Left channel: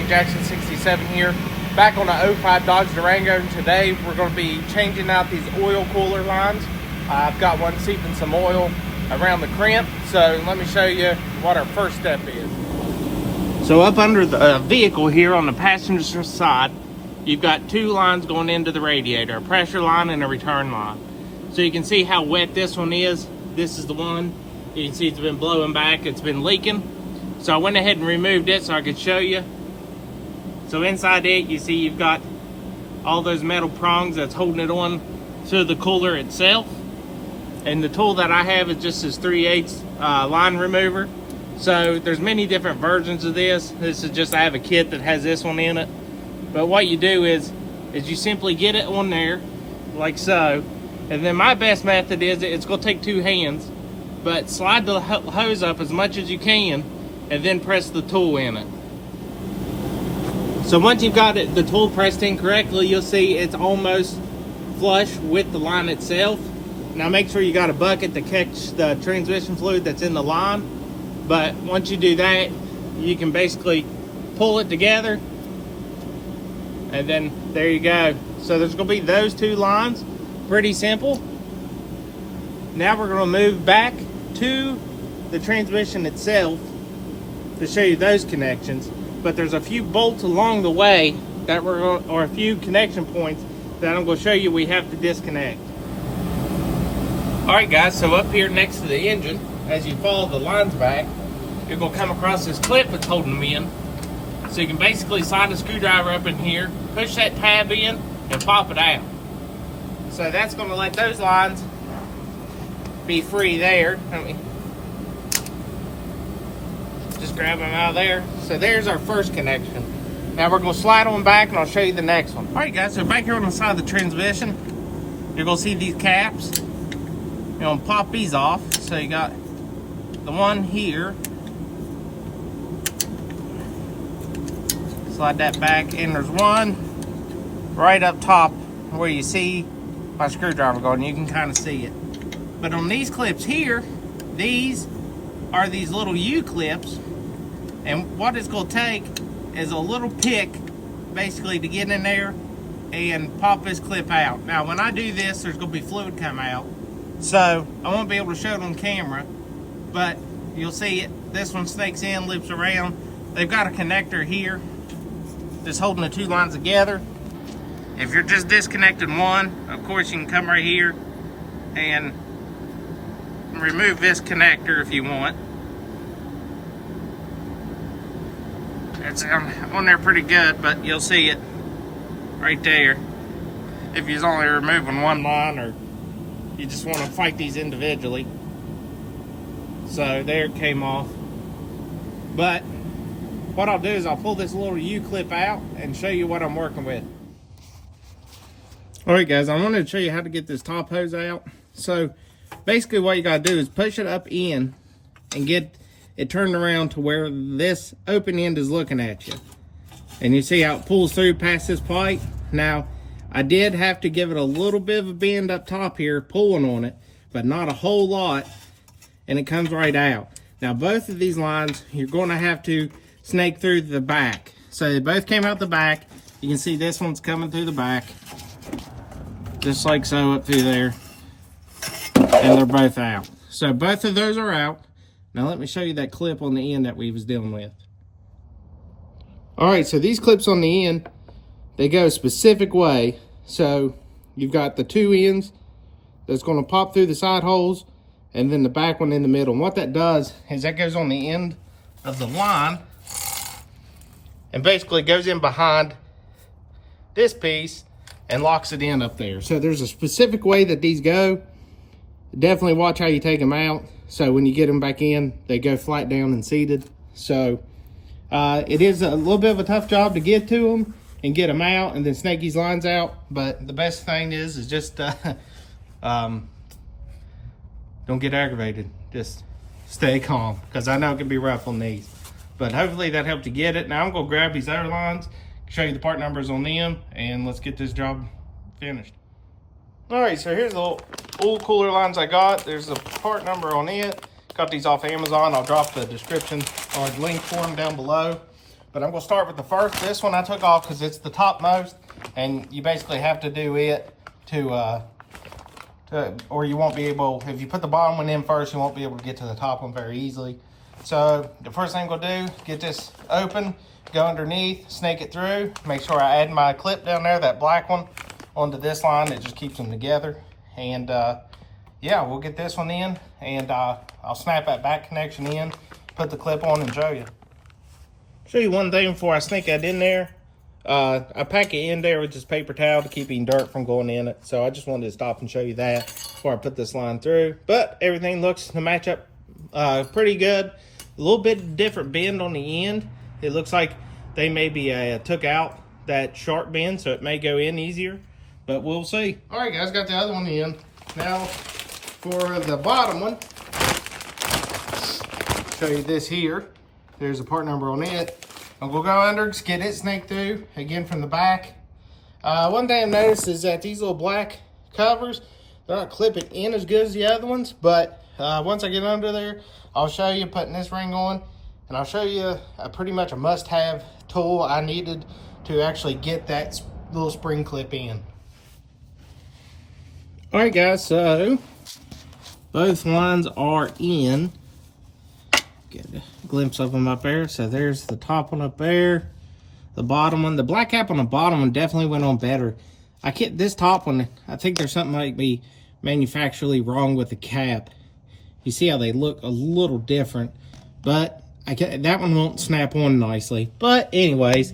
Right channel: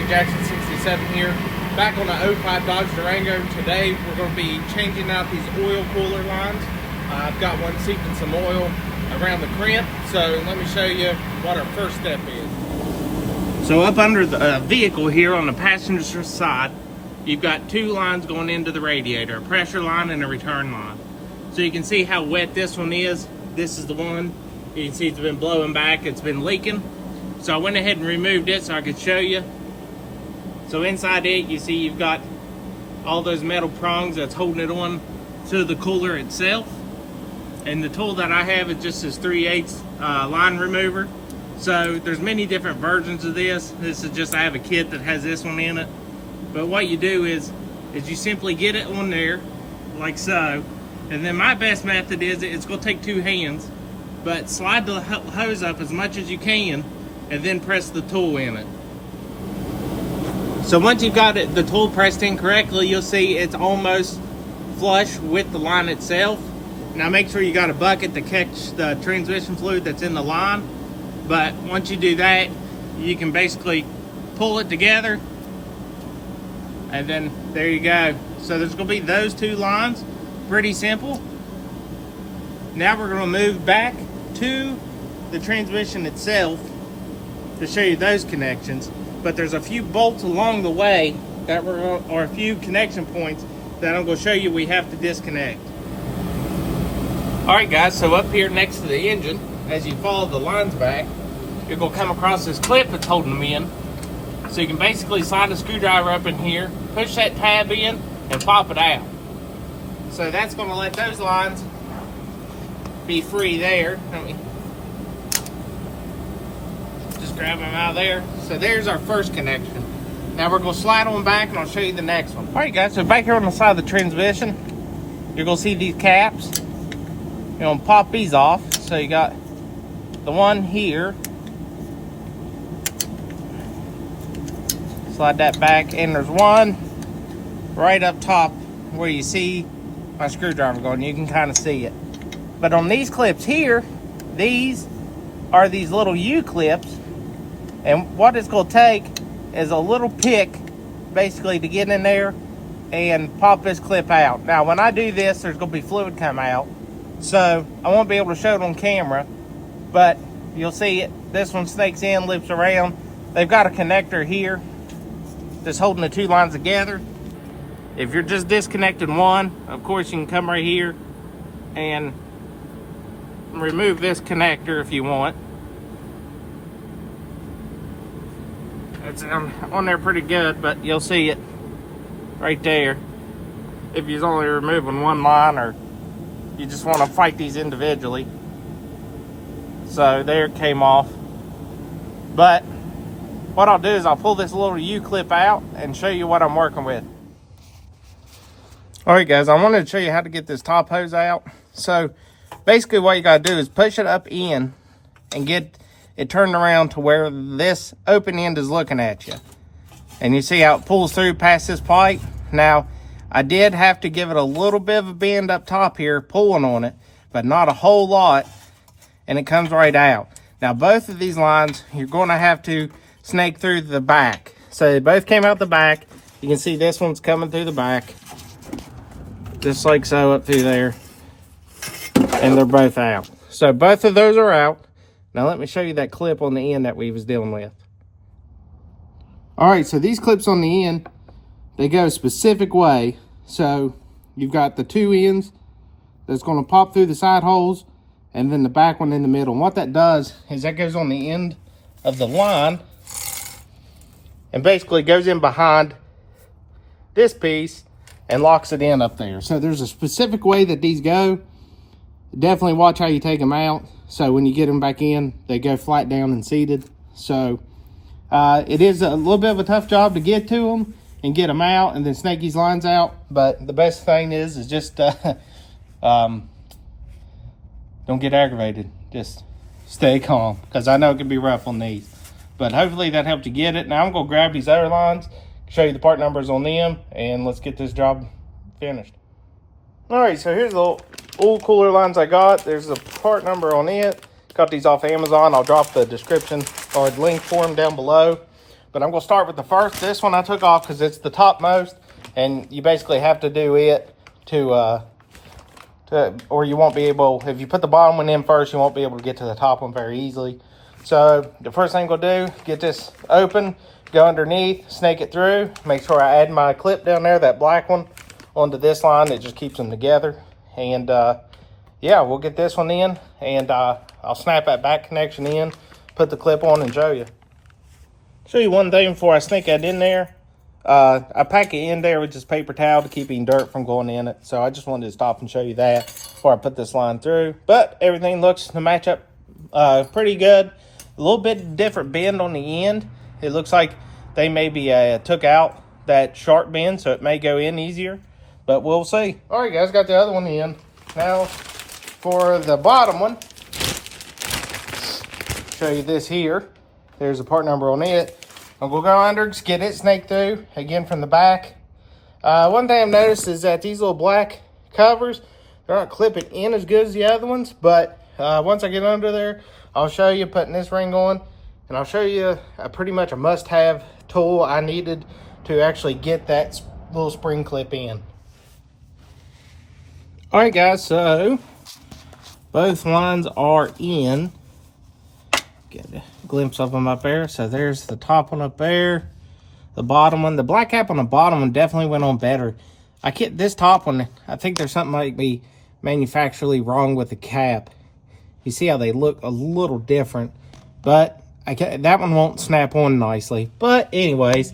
St. Jackson 67 here, back on the 05 Dodge Durango. Today we're going to be changing out these oil cooler lines. I've got one seeping some oil around the crimp, so let me show you what our first step is. So up under the vehicle here on the passenger side, you've got two lines going into the radiator, a pressure line and a return line. So you can see how wet this one is. This is the one. You can see it's been blowing back, it's been leaking. So I went ahead and removed it so I could show you. So inside it, you see you've got all those metal prongs that's holding it on to the cooler itself. And the tool that I have is just this 3/8 line remover. So there's many different versions of this. This is just, I have a kit that has this one in it. But what you do is you simply get it on there, like so. And then my best method is, it's gonna take two hands, but slide the hose up as much as you can, and then press the tool in it. So once you've got the tool pressed in correctly, you'll see it's almost flush with the line itself. Now make sure you got a bucket to catch the transmission fluid that's in the line. But once you do that, you can basically pull it together, and then there you go. So there's gonna be those two lines, pretty simple. Now we're gonna move back to the transmission itself to show you those connections. But there's a few bolts along the way that or a few connection points that I'm gonna show you we have to disconnect. All right guys, so up here next to the engine, as you follow the lines back, you're gonna come across this clip that's holding them in. So you can basically slide a screwdriver up in here, push that tab in, and pop it out. So that's gonna let those lines be free there. Let me just grab them out of there. So there's our first connection. Now we're gonna slide on back and I'll show you the next one. All right guys, so back here on the side of the transmission, you're gonna see these caps. You're gonna pop these off. So you got the one here. Slide that back, and there's one right up top where you see my screwdriver going. You can kind of see it. But on these clips here, these are these little U-clips, and what it's going to take is a little pick basically to get in there and pop this clip out. Now when I do this, there's going to be fluid come out, so I won't be able to show it on camera, but you'll see it. This one snakes in, loops around. They've got a connector here that's holding the two lines together. If you're just disconnecting one, of course you can come right here and remove this connector if you want. It's on there pretty good, but you'll see it right there if you're only removing one line or you just want to fight these individually. So there it came off. But what I'll do is I'll pull this little U-clip out and show you what I'm working with. All right guys, I wanted to show you how to get this top hose out. So basically what you gotta do is push it up in and get it turned around to where this open end is looking at you. And you see how it pulls through past this pipe? Now, I did have to give it a little bit of a bend up top here, pulling on it, but not a whole lot, and it comes right out. Now both of these lines, you're gonna have to snake through the back. So they both came out the back. You can see this one's coming through the back, just like so, up through there, and they're both out. So both of those are out. Now let me show you that clip on the end that we was dealing with. All right, so these clips on the end, they go a specific way. So you've got the two ends that's going to pop through the side holes, and then the back one in the middle. And what that does is that goes on the end of the line and basically goes in behind this piece and locks it in up there. So there's a specific way that these go. Definitely watch how you take them out, so when you get them back in, they go flat down and seated. So it is a little bit of a tough job to get to them and get them out and then snake these lines out, but the best thing is just don't get aggravated. Just stay calm, because I know it can be rough on these. But hopefully that helped you get it. Now I'm gonna grab these other lines, show you the part numbers on them, and let's get this job finished. All right, so here's the oil cooler lines I got. There's a part number on it. Got these off Amazon. I'll drop the description or the link for them down below. But I'm gonna start with the first. This one I took off because it's the topmost, and you basically have to do it to or you won't be able, if you put the bottom one in first, you won't be able to get to the top one very easily. So the first thing we'll do, get this open, go underneath, snake it through, make sure I add my clip down there, that black one, onto this line that just keeps them together. And yeah, we'll get this one in, and I'll snap that back connection in, put the clip on, and show you. Show you one thing before I snake that in there. I pack it in there with just paper towel to keep any dirt from going in it. So I just wanted to stop and show you that before I put this line through. But everything looks to match up pretty good. A little bit different bend on the end. It looks like they maybe took out that sharp bend, so it may go in easier. But we'll see. All right, guys, got the other one in. Now, for the bottom one, show you this here. There's a part number on it. And we'll go under, just get it snaked through, again from the back. One thing I've noticed is that these little black covers, they're not clipping in as good as the other ones, but once I get under there, I'll show you putting this ring on, and I'll show you pretty much a must-have tool I needed to actually get that little spring clip in. All right, guys, so both lines are in. Get a glimpse of them up there. So there's the top one up there, the bottom one. The black cap on the bottom one definitely went on better. This top one, I think there's something might be manufacturally wrong with the cap. You see how they look a little different, but that one won't snap on nicely. But anyways,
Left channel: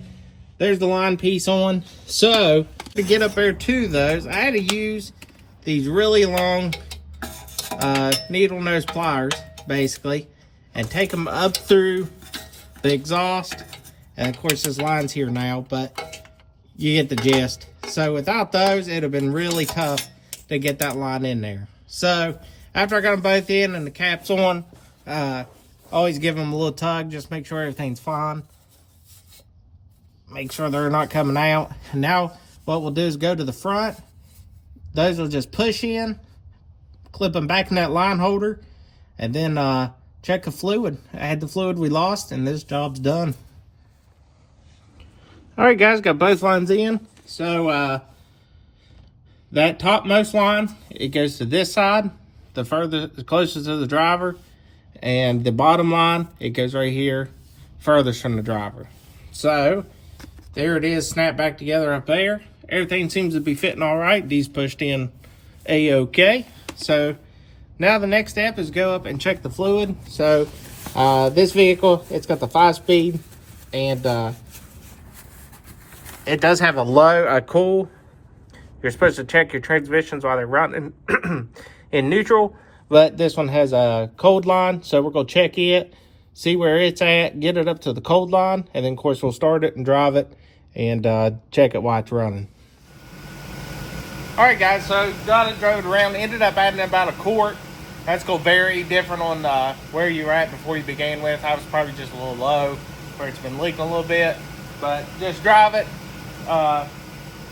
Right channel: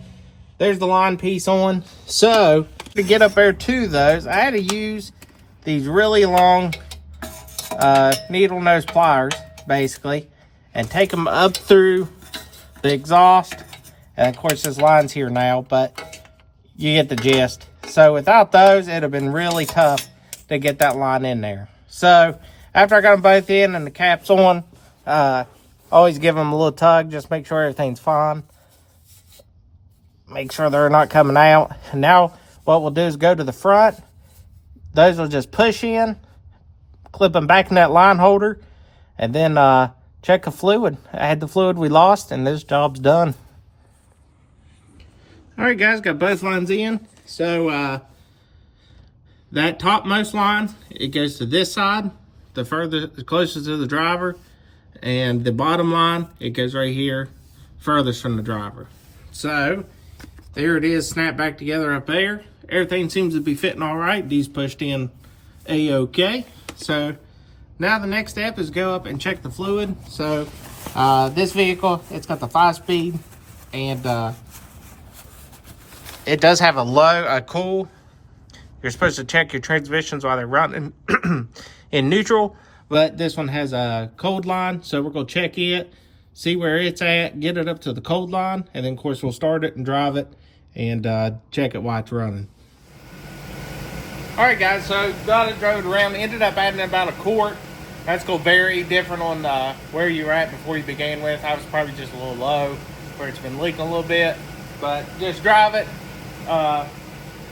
there's the line piece on. So to get up there to those, I had to use these really long needle nose pliers, basically, and take them up through the exhaust. And of course, this line's here now, but you get the gist. So without those, it'd have been really tough to get that line in there. So after I got them both in and the cap's on, always give them a little tug, just make sure everything's fine. Make sure they're not coming out. And now what we'll do is go to the front. Those will just push in, clip them back in that line holder, and then check the fluid. I had the fluid we lost, and this job's done. All right, guys, got both lines in. So that topmost line, it goes to this side, the closest to the driver, and the bottom line, it goes right here, furthest from the driver. So there it is, snapped back together up there. Everything seems to be fitting all right. These pushed in a-okay. So now the next step is go up and check the fluid. So this vehicle, it's got the 5-speed, and it does have a cool. You're supposed to check your transmissions while they're running in neutral, but this one has a cold line, so we're gonna check it, see where it's at, get it up to the cold line, and then of course we'll start it and drive it and check it while it's running. All right, guys, so got it, drove it around, ended up adding about a quart. That's going to vary different on where you were at before you began with. I was probably just a little low where it's been leaking a little bit, but just drive it,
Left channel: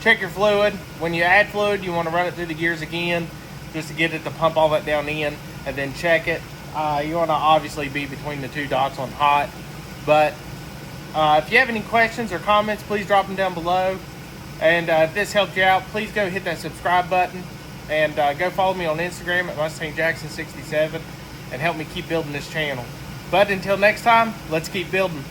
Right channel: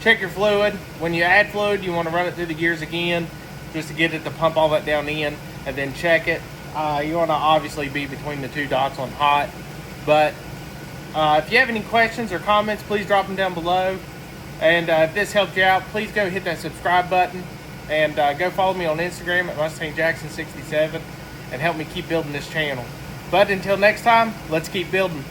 check your fluid. When you add fluid, you want to run it through the gears again just to get it to pump all that down in, and then check it. You want to obviously be between the two dots on hot, but if you have any questions or comments, please drop them down below. And if this helped you out, please go hit that subscribe button, and go follow me on Instagram at MustangJackson67 and help me keep building this channel. But until next time, let's keep building.